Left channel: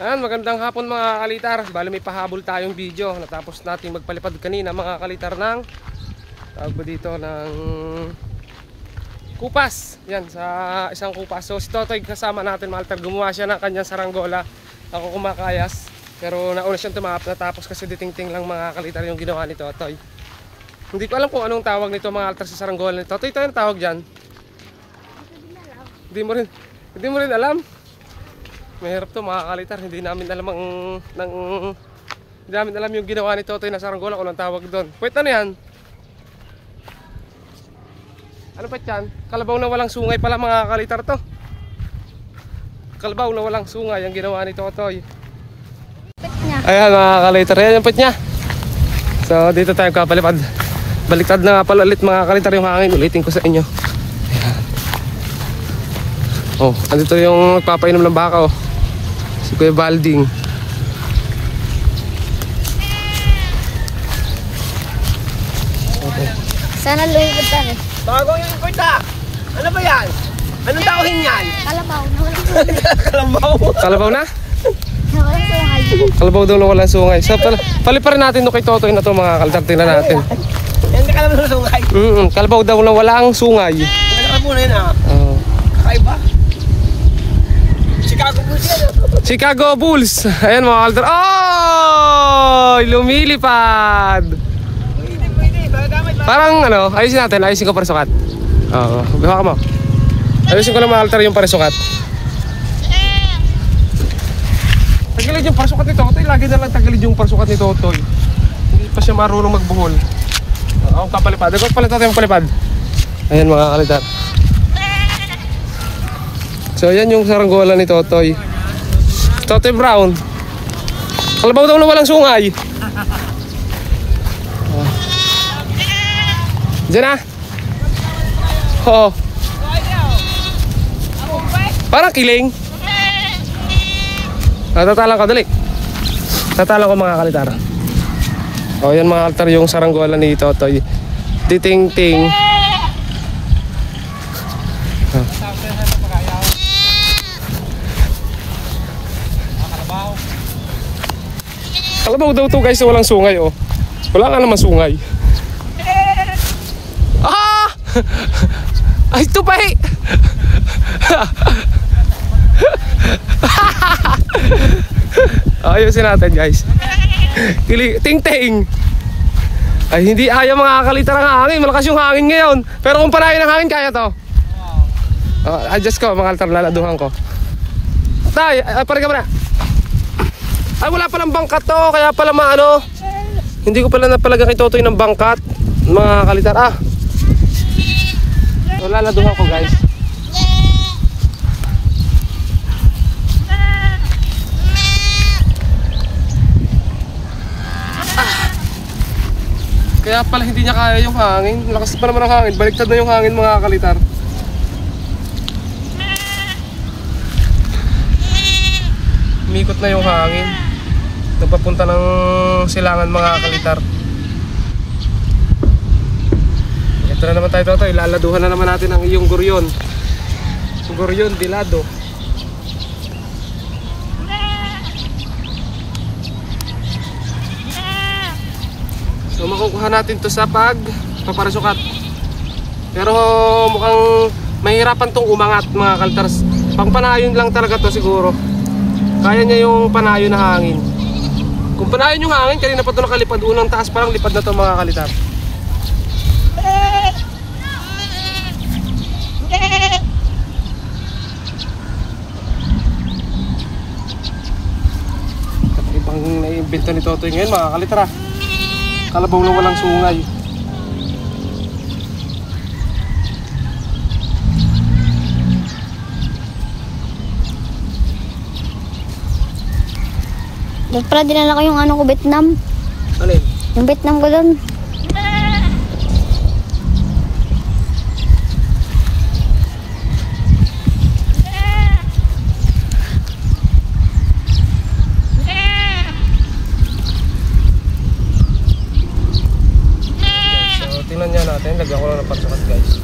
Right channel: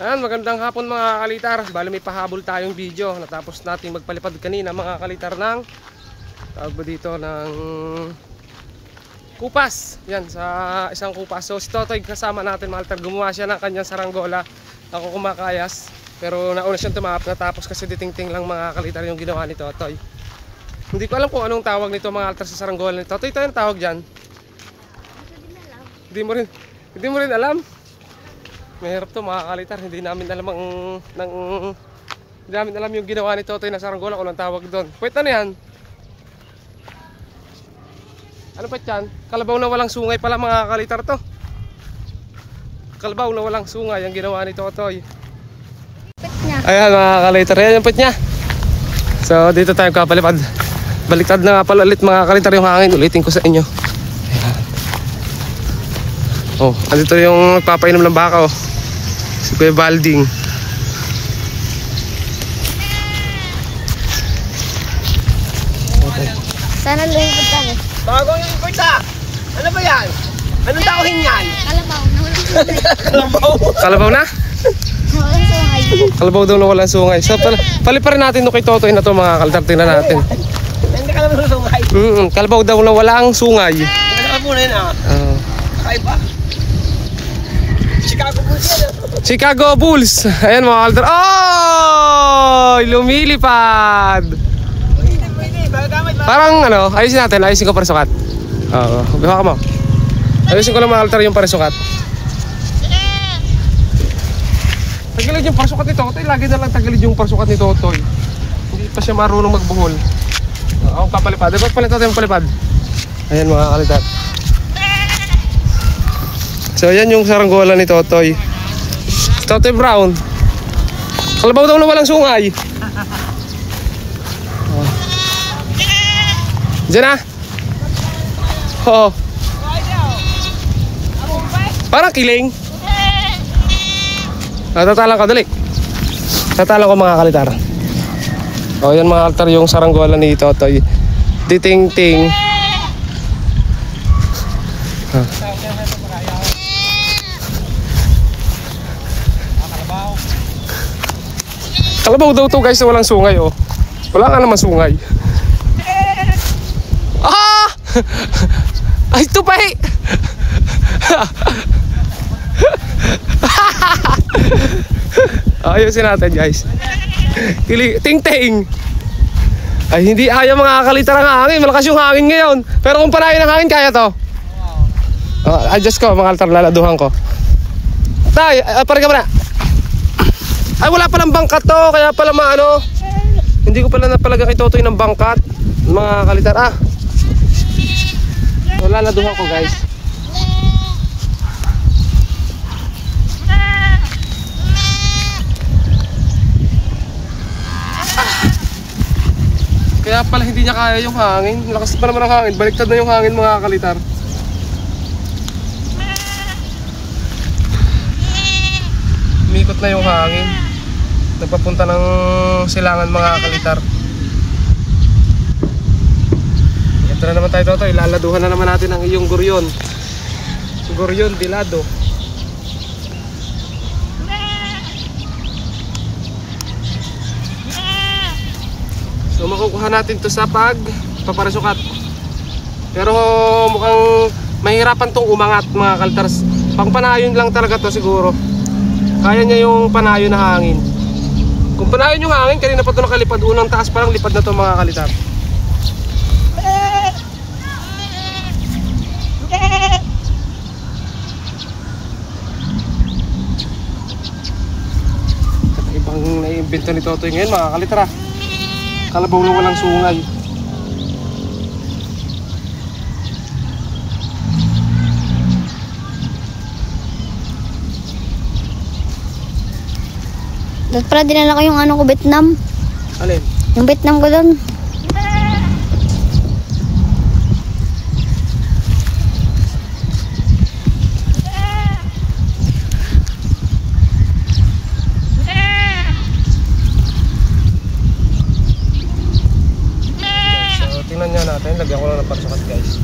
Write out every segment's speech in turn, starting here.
Ayan, magandang hapon mga kalitar. Bali may pahabol tayong video. Natapos nating magpalipad kanina mga kalitar ng tawag ba dito ng kupas. Yan, sa isang kupas. So si Totoy kasama natin mga kalitar. Gumawa siya ng kanyang saranggola. Ako kumakayas. Pero nauna siyang tumahap. Natapos kasi ditingting lang mga kalitar yung ginawa ni Totoy. Hindi ko alam kung anong tawag nito mga kalitar sa saranggola ni Totoy. Ito yung tawag dyan. Hindi mo rin alam. Mahirap to mga kalitar, hindi namin alam yung ginawa ni Totoy na saranggola kung anong tawag doon. Wait, ano yan? Ano pa yan? Kalabaw na walang sungay pala mga kalitar to. Kalabaw na walang sungay ang ginawa ni Totoy. Ayan mga kalitar, yan yung pet niya. So dito tayo kapalipad. Baliktad na nga pala ulit mga kalitar yung hangin. Ulitin ko sa inyo. Ayan. Oh, andito yung nagpapainom ng baka oh. Si Kuya Balding. Okay. Sana lumipad tayo. Bagong yung import ah! Ano ba yan? Anong tauhin yan? Kalabaw. Kalabaw. Kalabaw na? Walang sungay. Kalabaw daw na walang sungay. So paliparin natin no kay Totoy na to mga kalitar. Tingnan natin. Hindi ka naman susungay. Kalabaw daw na walang sungay. Maganda ka muna yun ah. Kakaiba. Chicago Bulls yan oh. Chicago Bulls. Ayan mga kalitar. Oh! Lumilipad. Parang ano, ayusin natin. Ayusin ko para sukat. Oo. Biha ka mo. Ayusin ko lang mga kalitar yung para sukat. Tagilid yung parsukat ni Totoy. Lagi na lang tagilid yung parsukat ni Totoy. Hindi pa siya marunong magbuhol. Ako kapalipad. Ito pala Totoy yung palipad. Ayan mga kalitar. So yan yung saranggola ni Totoy. Totoy Brown. Kalabaw daw na walang sungay. Diyan na. Oo. Parang kiling. Tatalang ko, dali. Tatalang ko mga kalitar. O yan mga kalitar yung saranggola ni Totoy. Titing-ting. Kalabaw daw to guys, walang sungay oh. Wala nga naman sungay. Ah! Ay tupay! Ayusin natin guys. Ting-ting. Ay hindi ayaw mga kalitar ang hangin. Malakas yung hangin ngayon. Pero kung panahin ang hangin kaya to. Adjust ko mga kalitar, laladuhan ko. Tay, parang ka muna. Ay wala palang bangkat to. Kaya pala maano. Hindi ko pala napalaga kay Totoy ng bangkat. Mga kalitar So laladuhan ko guys. Kaya pala hindi niya kaya yung hangin. Lakas pa naman ang hangin. Baliktad na yung hangin mga kalitar. Umikot na yung hangin. Nagpapunta ng silangan mga kalitar. Ito na naman tayo Totoy. Ilaladuhan na naman natin ang iyong guryon. Guryon dilado. So makukuha natin to sa paparasukat. Pero mukhang mahirapan tong umangat mga kalitar. Pang panayon lang talaga to siguro. Kaya niya yung panayon na hangin. Kung panayon yung hangin, kanina pa ito nakalipad. Unang taas parang lipad na to mga kalitar. Kakaibang naiimbento ni Totoy ngayon mga kalitar. Kalabaw na walang sungay. Dapat pala dinala ko yung ano ko, Vietnam. Alin? Yung Vietnam ko doon. So tingnan niya natin. Lagyan ko lang ng parsukat guys.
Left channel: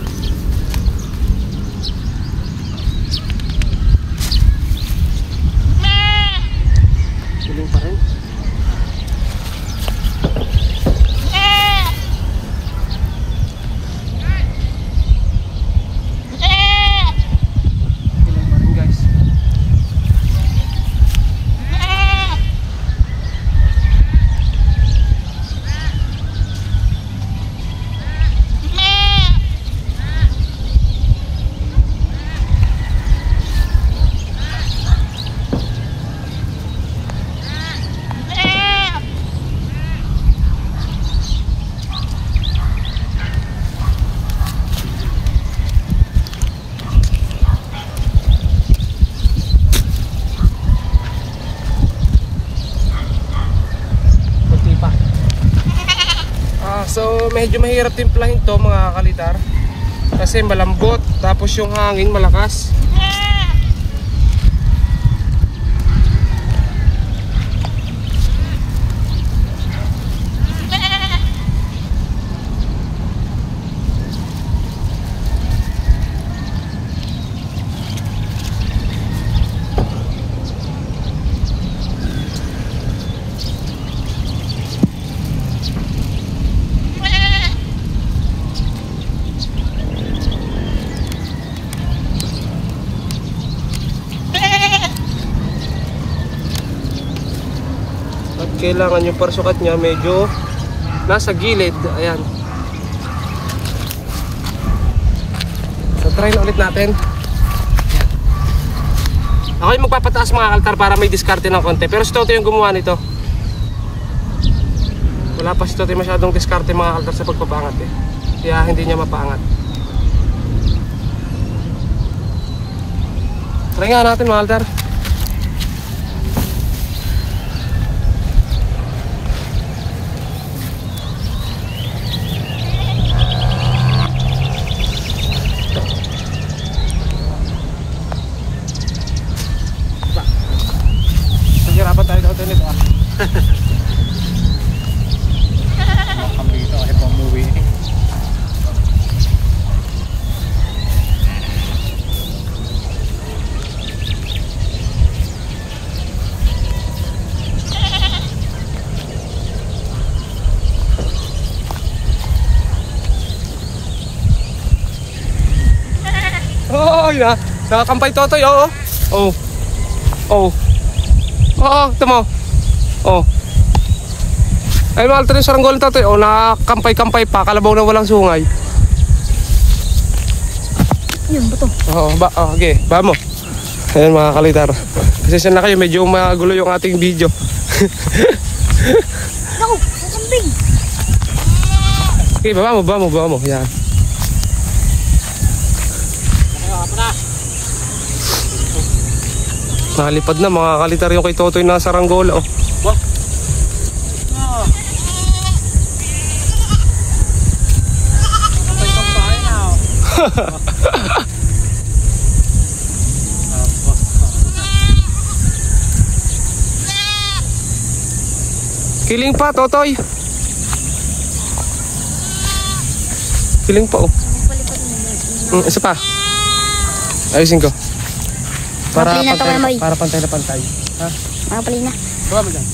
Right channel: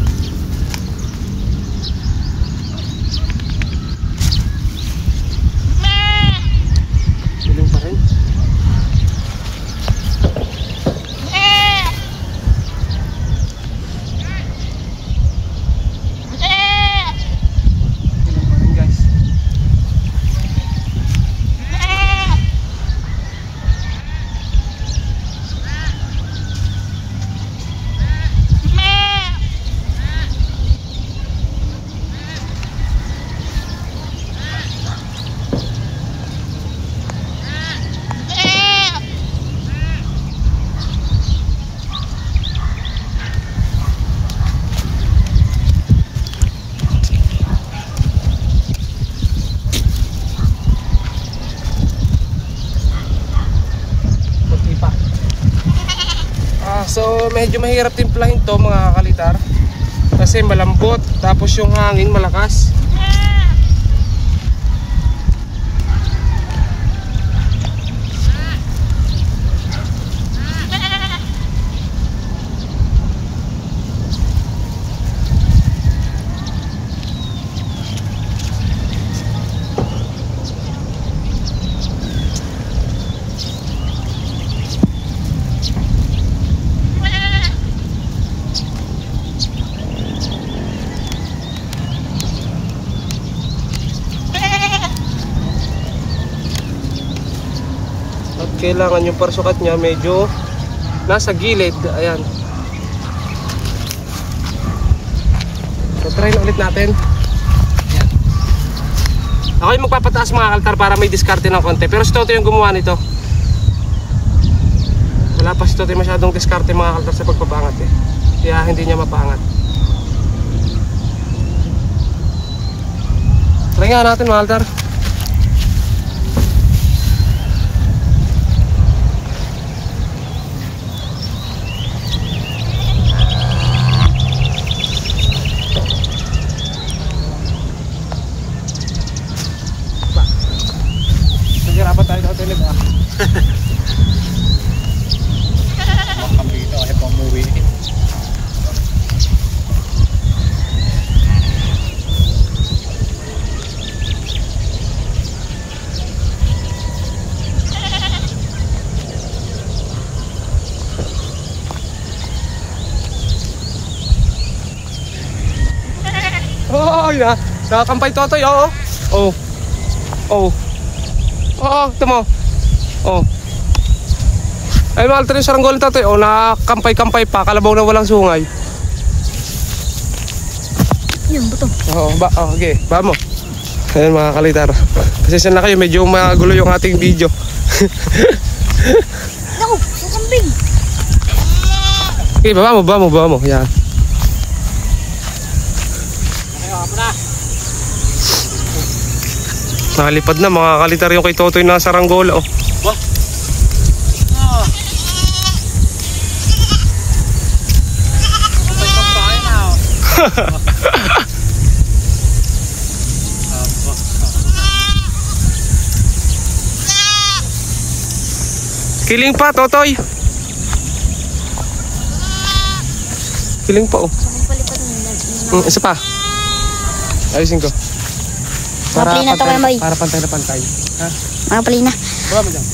Kiling pa rin. Kiling pa rin guys. So medyo mahirap timplahin to mga kalitar kasi malambot tapos yung hangin malakas. Kailangan yung parsukat niya medyo nasa gilid. Ayan. So try na ulit natin. Ayan. Ako yung magpapataas mga kaltar para may diskarte ng konti. Pero si Toto yung gumawa nito. Wala pa si Toto masyadong diskarte mga kaltar sa pagpapangat eh. Kaya hindi niya mapaangat. Try nga natin mga kaltar. Oh, yeah. Nakakampay Totoy, oo. Oh. Oh. Oo, ito mo. Oh. Ay, mahal ito yung saranggola Totoy. Oh, nakakampay-kampay pa. Kalabaw na walang sungay. Yun, buto. Oo, okay. Ba mo. Ayan mga kalitar. Pasensya na kayo, medyo magulo yung ating video. Naku, kambing. Okay, baba mo. Yan. Nakalipad na mga kalitar yung kay Totoy na saranggola. Oh. Wah. Ah. Kampay na. Kiling pa Totoy. Kiling pa oh. Isa pa. Ayusin ko. Mapali na ito kaya may. Para pantay na pantay. Ha? Mapali na. Baba mo dyan.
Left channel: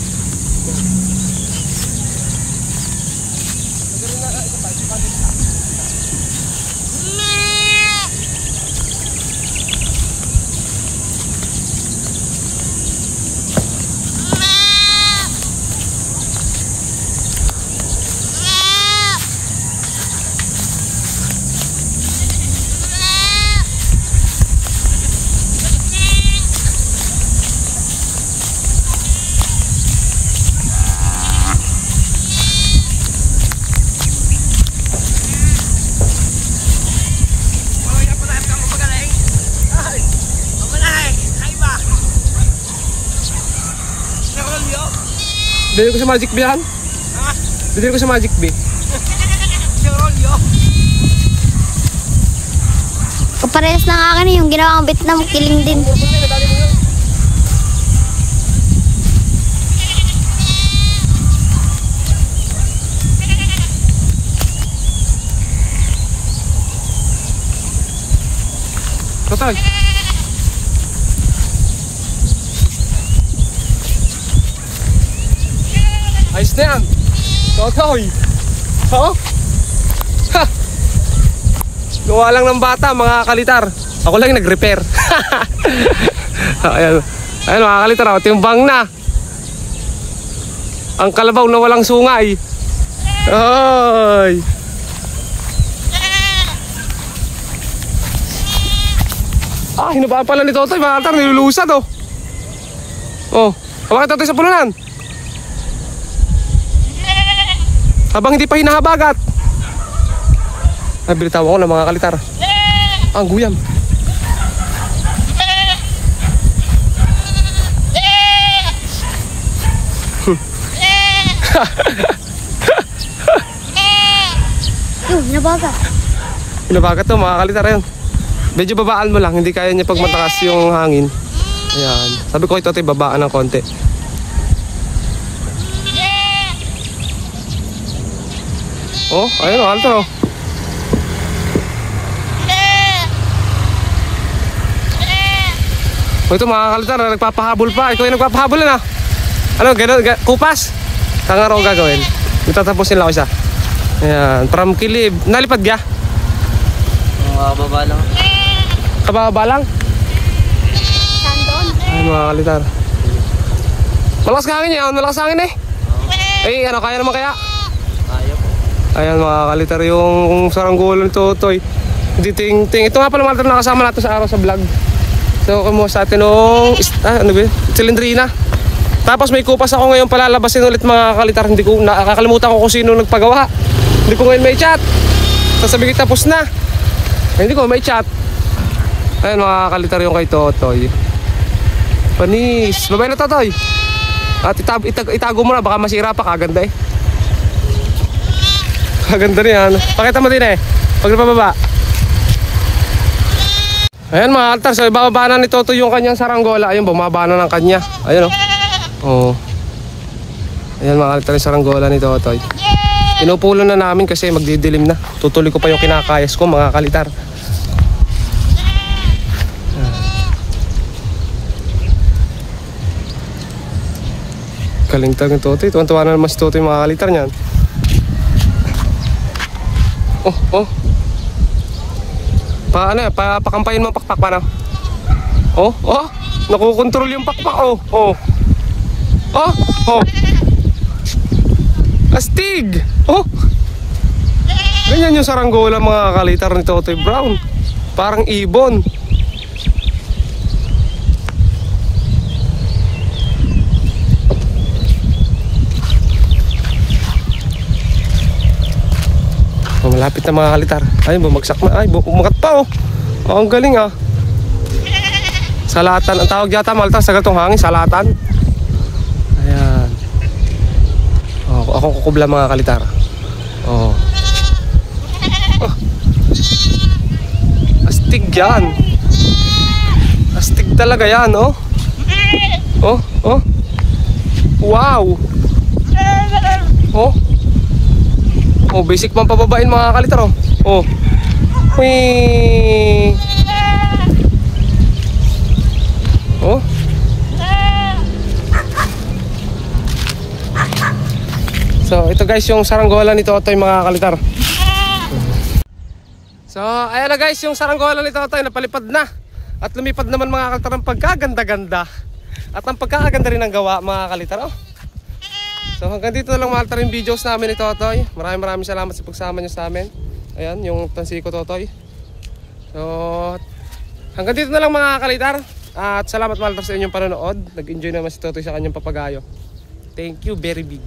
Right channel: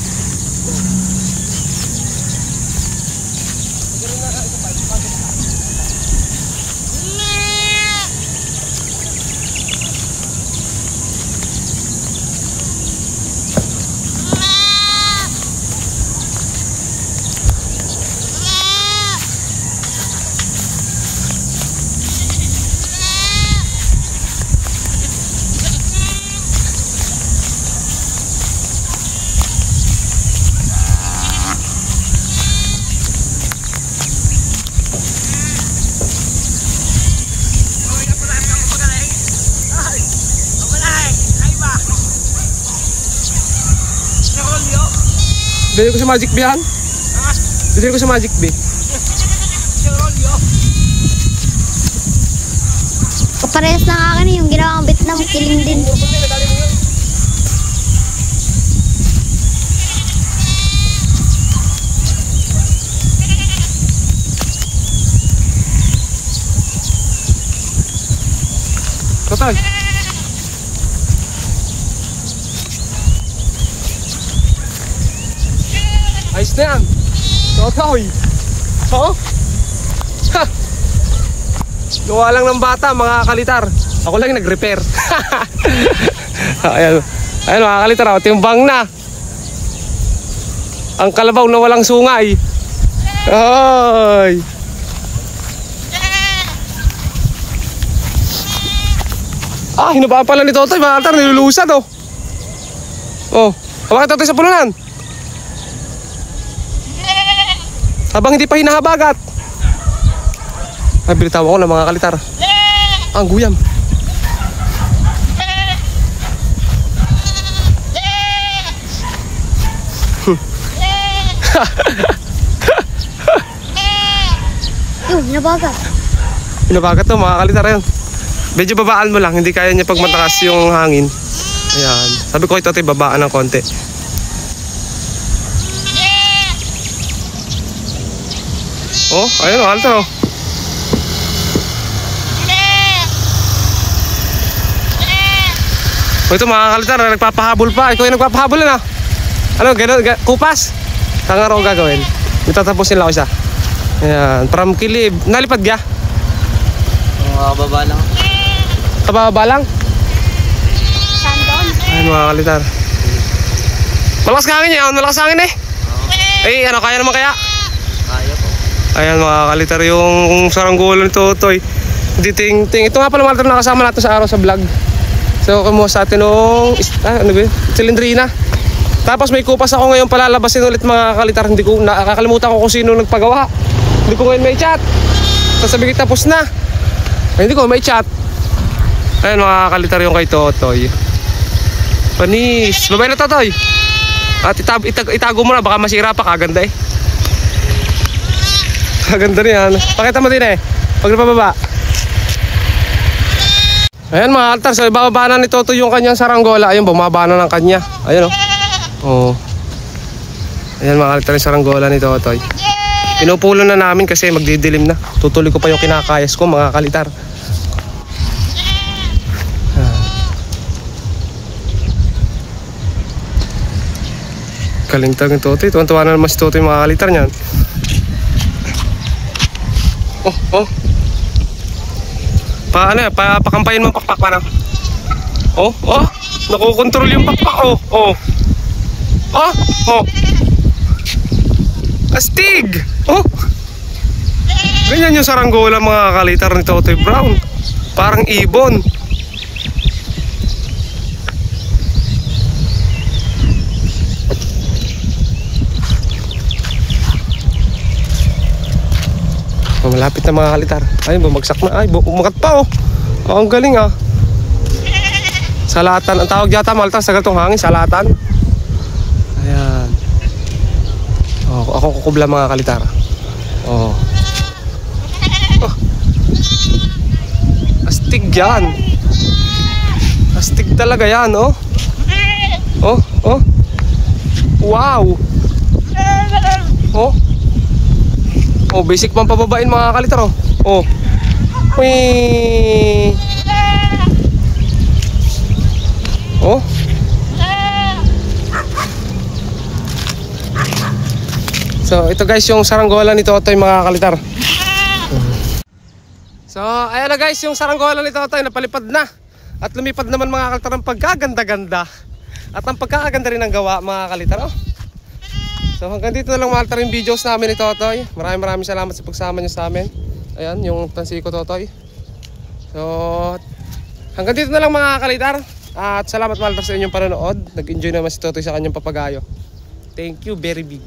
Bili ko sa Magic Bee han? Bili ko sa Magic Bee. Kaparehas ng akin yung ginawa kong Vietnam, kiling din. Totoy. Ayos na yan. Totoy. Ha? Gawa lang ng bata mga kalitar. Ako lang nag-repair. Ayan. Ayan mga kalitar, timbang na. Ang kalabaw na walang sungay. Ay. Hinabaan pala ni Totoy mga kalitar, nilulusad oh. Oh, bakit Totoy sa pulunan? Habang hindi pa hinahabagat. Ay, bilitawan ko na mga kalitar. Ang guyam. Hinabagat. Hinabagat to mga kalitar yun. Medyo babaan mo lang, hindi kaya niya pag matakas yung hangin. Ayan. Sabi ko ito babaan ng konti. Oh, ayun o, altar oh. Oh, ito mga kalitar, nagpapahabol pa. Ikaw yung nagpapahabol na. Ano, gano'n, kupas? Tanga ro gagawin. Itatapusin lang ako isa. Ayan, from kilib. Nalipad ka? Kababa lang. Kababa lang? Ayun mga kalitar. Malakas hangin yan, malakas hangin eh. Eh, ano, kaya naman kaya? Kaya po. Ayan mga kalitar, yung saranggola ni Totoy. Ting-ting. Ito nga pala mga kalitar, nakasama natin sa araw sa vlog. So kumuha sa atin nung ano ba? Silindrina. Tapos may kupas ako ngayon palalabasin ulit mga kalitar. Hindi ko nakakalimutan ko kung sino nagpagawa. Hindi ko ngayon may chat. Sasabi ko tapos na. Ay, hindi ko may chat. Ayun mga kalitar yung kay Totoy. Panis. Babay na Totoy. At itago mo na baka masira pa, kaganda eh. Kaganda rin yan. Pakita mo din eh. Pag napababa. Ayan mga altar, so ibababa na ni Totoy yung kanyang saranggola. Ayun, bumaba na ng kanya. Ayun oh. Ayan mga altar, yung saranggola ni Totoy. Pinupulo na namin kasi magdidilim na. Tutuloy ko pa yung kinakayas ko mga kalitar. Kalintag ni Totoy. Tuwan-tuwa na naman si Totoy mga kalitar niyan. Oh. Pakampayin mo pakpak pa na. Oh. Nakukontrol yung pakpak oh. Astig! Oh! Ganyan yung saranggola mga kalitar ni Totoy Brown. Parang ibon. Malapit na mga kalitar. Ay, bumagsak na. Ay, umakat pa oh. Ang galing ah. Salatan. Ang tawag yata mga kalitar sa gatong hangin. Salatan. Ayan. Ako kukubla mga kalitar. Astig yan. Astig talaga yan oh. Wow. Basic pang pababain mga kalitar oh. Wee. So ito guys yung saranggola ni Totoy mga kalitar. So ayan na guys yung saranggola ni Totoy, napalipad na. At lumipad naman mga kalitar ng pagkaganda-ganda. At ang pagkakaganda rin ng gawa mga kalitar So hanggang dito na lang mga kalitar yung videos namin ni Totoy. Maraming salamat sa pagsama nyo sa amin. Ayan yung tansiko Totoy. So hanggang dito na lang mga kalitar. At salamat mga kalitar sa inyong panonood. Nag-enjoy naman si Totoy sa kanyang papagayo. Thank you very big.